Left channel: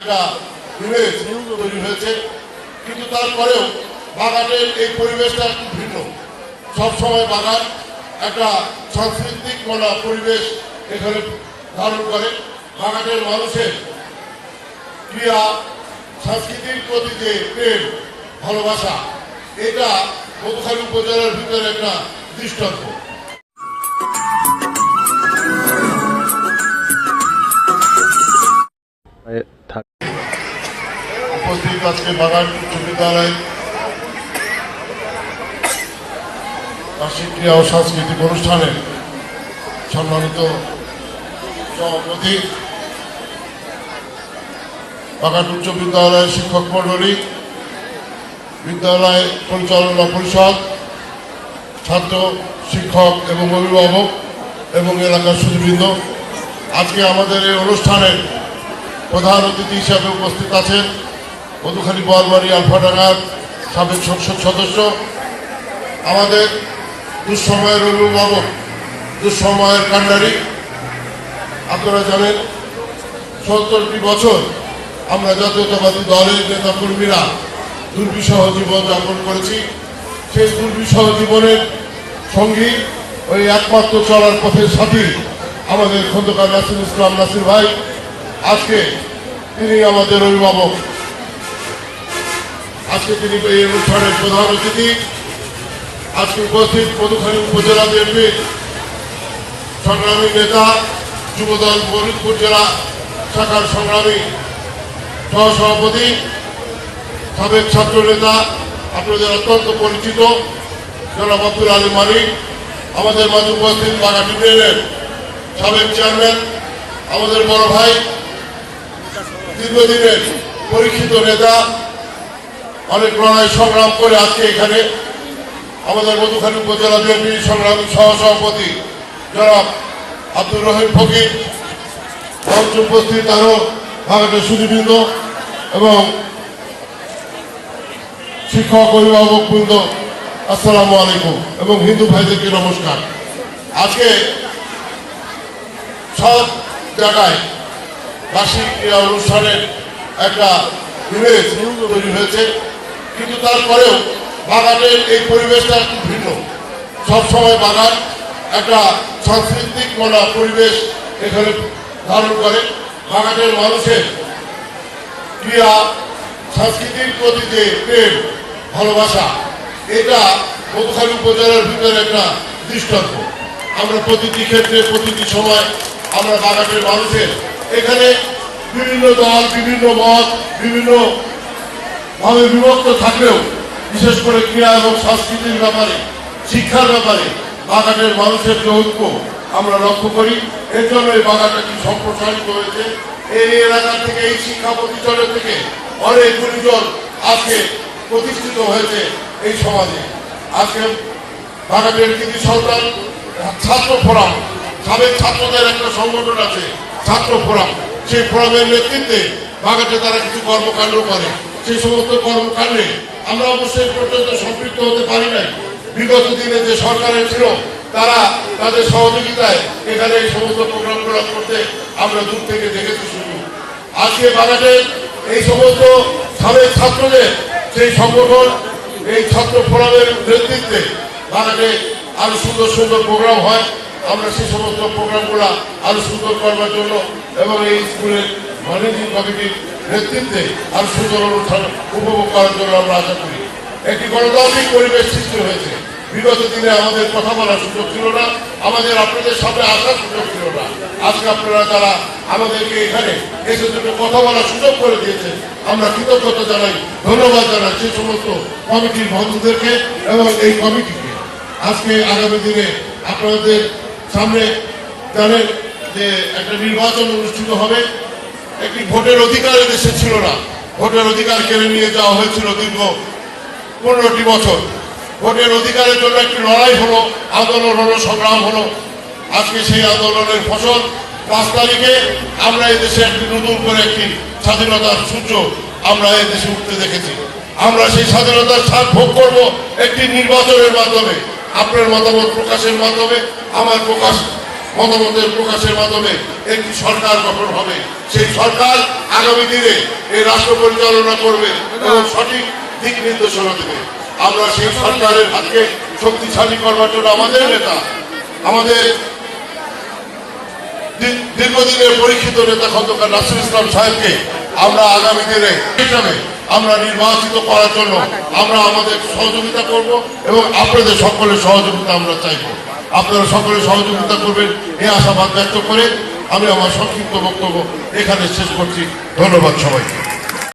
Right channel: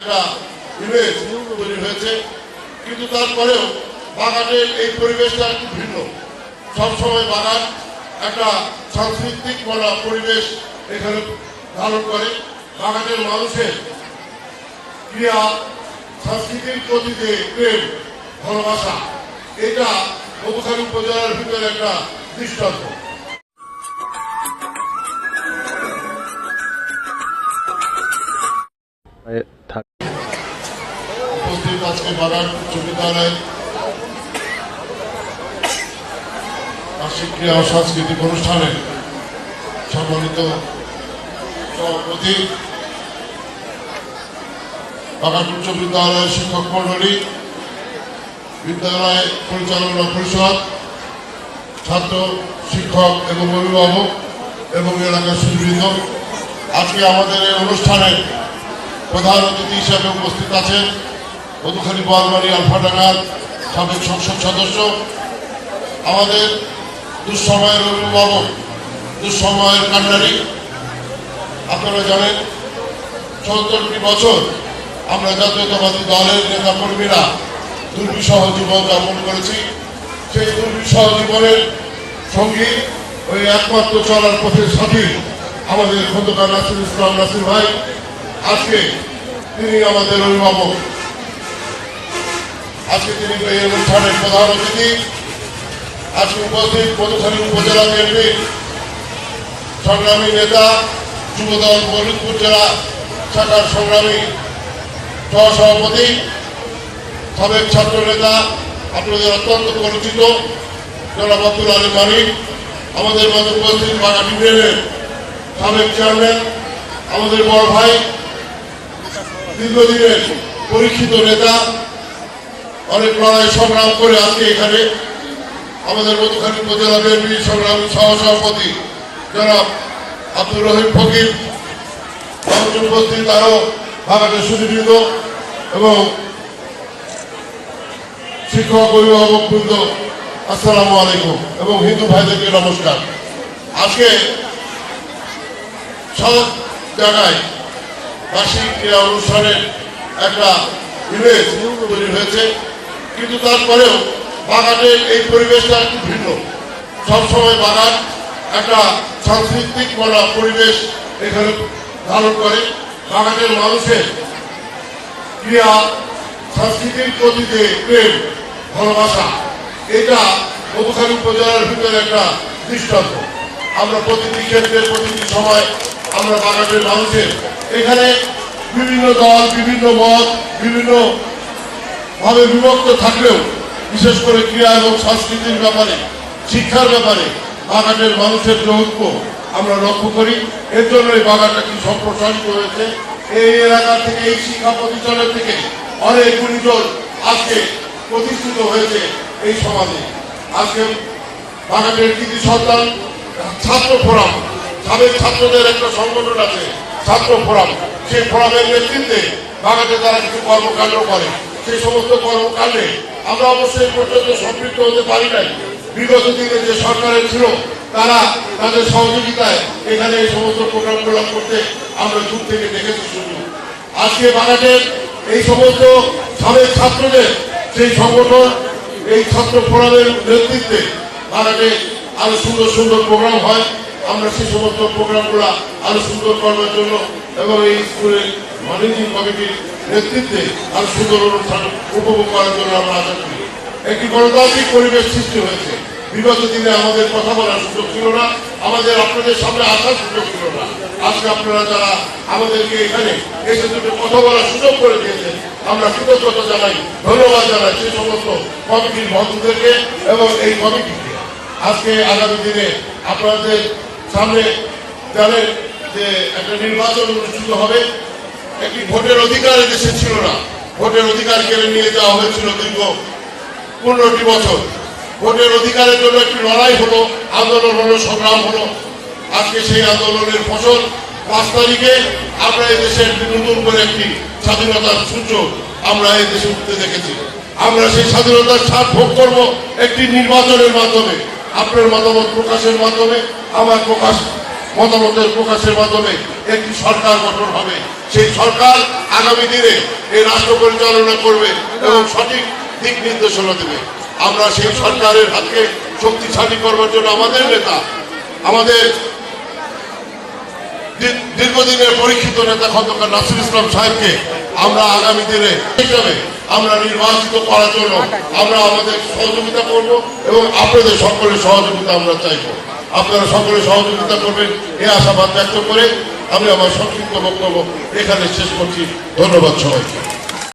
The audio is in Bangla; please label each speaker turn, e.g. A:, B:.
A: একটা তৈরি হয়েছে। কিন্তু তারপরেও বাগানের এই পরিবেশটা একটু ভিন্ন। সবসময় বাগান একটা সাংস্কৃতিক বলা পরিবেশ এখানে ধারণ করে। বাগানের মানুষের ক্রিয়া, সাংস্কৃতিক প্রতি যে প্রেম, ভালোবাসা, এটা মধুখালী উপজেলার ভিতরে একটা দৃষ্টান্ত। উপস্থিত আজকে বাগান উচ্চ বিদ্যালয় বার্ষিক ক্রিয়া ও সাংস্কৃতিক অনুষ্ঠানের সম্মানিত সভাপতি বাগান উচ্চ বিদ্যালয়ের শিক্ষক মন্ডলী বিদ্যালয় পরিচালনা পরিষদ, ছাত্র, শিক্ষক এবং অভিভাবক এবং এলাকার সুদবৃন্দ আজকে আমাদের এই অনুষ্ঠানের প্রধান অতিথি হিসাবে উপস্থিত আছেন মধুখালী বোয়ালমারি আলফাডাঙ্গার সাবেক সংসদ সদস্য। আমাদের দুঃসময়ের অভিভাবক, দুঃসময়ের কান্ডারি। আপনারা জানেন, সত্তরটি বছর আমরা জাতীয়তাবাদী দলের নেতা কর্মীরা দুর্বিষহ জীবন যাপন করেছি। সেই দুর্বিষহ জীবনের সঙ্গী ওই একমাত্র চলার পথের সাথী আমাদের খন্দকার নাসির ইসলাম নাসির ভাই। আজকে তিনি আমাদের অভিভাবক। আজকে তিনি এই অনুষ্ঠানের প্রধান অতিথি, আজকে উপস্থিত মধুখালী উপজেলা বিএনপির সংগ্রামী নেতা, যুবদল ফরিদপুর জেলা শাখার সংগ্রামী সহসভাপতি, সাবেক ছাত্র নেতা, আপনাদের অত্যন্ত পরিচিত জনাব আব্দুল আলী মালিক আমাদের মাঝে উপস্থিত বারা বিপিএলের সাবেক চেয়ারম্যান, আমাদের বড় ভাই, দীর্ঘদিনের পরীক্ষিত নেতা অনেক লড়াই সংগ্রাম করে আজকে এখানে আমাদের মধুখালী উপজেলা বিএনপি সংগ্রামী সহসভাপতি জনাব আব্দুর রহিম ফকির উপস্থিত আরও ভারতের সুযোগিত এবং শিক্ষক অভিভাবক বৃন্দ, আসসালামু আলাইকুম এবং হিন্দু ভাইদেরকে নমস্কার। আজকে সব জায়গায় বার্ষিক ক্রীড়া অনুষ্ঠানের একটা ইমেজ তৈরি হয়েছে। কিন্তু তারপরেও বাগানের এই পরিবেশটা একটু ভিন্ন। সবসময় বাগান একটা সাংস্কৃতিক বলা পরিবেশ এখানে ধারণ করে। বাগানের মানুষের ক্রিয়া সাংস্কৃতিক প্রতি যে প্রেম, ভালোবাসা, এটা মধুখালী উপজেলার ভিতরে একটা দৃষ্টান্ত। আমরা প্রতিটি ক্ষেত্রে, প্রতিটি সময় আমরা বাগানের মানুষের এখানে বিভিন্ন দল, বিভিন্ন মত, বিভিন্ন ভাবে বিভক্ত থাকলেও, বিশেষ করে ক্রিয়া এবং সংস্কৃতির ব্যাপারে, শিক্ষার ব্যাপারে, বাগানের মানুষের যে ঐক্য আমরা লক্ষ্য করি, এর জন্য এই বাগানটা কি সম্প্রসারিত হয়েছে? এই এলাকা থেকে, এই শিক্ষা প্রতিষ্ঠানের থেকে অনেক গুণীজন আজকে প্রতিষ্ঠিত হয়েছে এই সমাজে। আজকে বাগানের কৃতি সন্তান, ছাত্র ফোরাম, সাবেক ছাত্রদের একটা সংগঠন আছে, ছাত্র ফোরাম। সেই ফোরামের নেতৃত্বে বাগানে তারা কিছু কর্মকাণ্ড করে। সেই সমস্ত কর্মকাণ্ডে আমরা অবশ্যই পর্যন্ত সম্পৃক্ত হতে পারি নাই। বিগত দিনে যে সরকারের ছিল, তারা তাদের সহযোগিতায় এখানে এই সমস্ত প্রোগ্রামগুলো করতে আমরা দূর থেকে দেখেছি শুধু। আজকে বাগানের এই সমস্ত সাবেক ছাত্রদের, সেই সংগঠন, এই ছাত্র ফোরামের নেতৃত্বে বাগানে আরও সুন্দর সুন্দর প্রোগ্রাম হয়। আমরা সেই সমস্ত প্রোগ্রামগুলো আরও সুন্দর করার জন্য এবং এই স্কুলের ম্যানেজিং কমিটির নেতৃত্বে আর সুন্দর অনুষ্ঠান উপভোগ করার জন্য আমরা আশা করি। একটি গণতান্ত্রিক পরিবেশ সৃষ্টি হয়েছে। বিগত দিনে আমাদের কথা বলার সুযোগ ছিল না, আমাদের আপনাদের সামনে আসার সুযোগ ছিল না। আজকে আপনারা যারা আমাদেরকে এখানে এসে দুটো কথা বলার সুযোগ করে দিয়েছেন, আমরা কৃতজ্ঞতা জানাই, ধন্যবাদ জানাই সেই সমস্ত কমিটির বন্ধুদেরকে এবং এই কমিটিকে। আজকে আগামী দিনে আপনাদের সামনে জানেন যে একটা নির্বাচন অনুষ্ঠিত হবে। একটি ভোটের অধিকার দেশে ছিল না। ভোটের অধিকার কেড়ে নিয়ে যাওয়া হয়েছিল দীর্ঘ পনেরোটি বছর। ভোটের অধিকারের জন্য একটি লড়াই হলো, আন্দোলন হলো, সংগ্রাম হলো। আজকে সেই আন্দোলনের ফসল। পাঁচ তারিখে আমরা এই দেশে একটি নতুন করে একটি স্বাধীনতার সূর্য আমরা এই দেশে উঠতে দেখেছি। আমরা সেই স্বাধীনতার স্বাদ ভোগ করব একটি নির্বাচনের মাধ্যমে। আপনার মতামত প্রকাশের মাধ্যমে, আমার প্রকাশ মতামতের প্রকাশের মাধ্যমে একটি সরকার গঠন হবে। সেই সরকার আগামী দিনে এই রাষ্ট্র পরিচালনা করবে এবং সঠিক দিক নির্দেশনা দেবে। আমরা সেই সরকারের হাতকে শক্তিশালী করবার জন্য আমাদের নেতা, আমাদের দীর্ঘদিনের পরীক্ষিত নেতা খন্দকার নাসির ইসলাম সাহেবকে আমরা আগামী দিনে হিসাবে আমরা নির্বাচিত করার জন্য আমরা আমাদের সহযোগিতা করব এবং আপনাদের সকলের সহযোগিতা আমরা চাইব। আপনারা সকলে সহযোগিতা করবেন। এ আশাবাদ ব্যক্ত করে আমি আমার সংক্ষিপ্ত বক্তব্য এখানে শেষ করছি। ধন্যবাদ সবাইকে।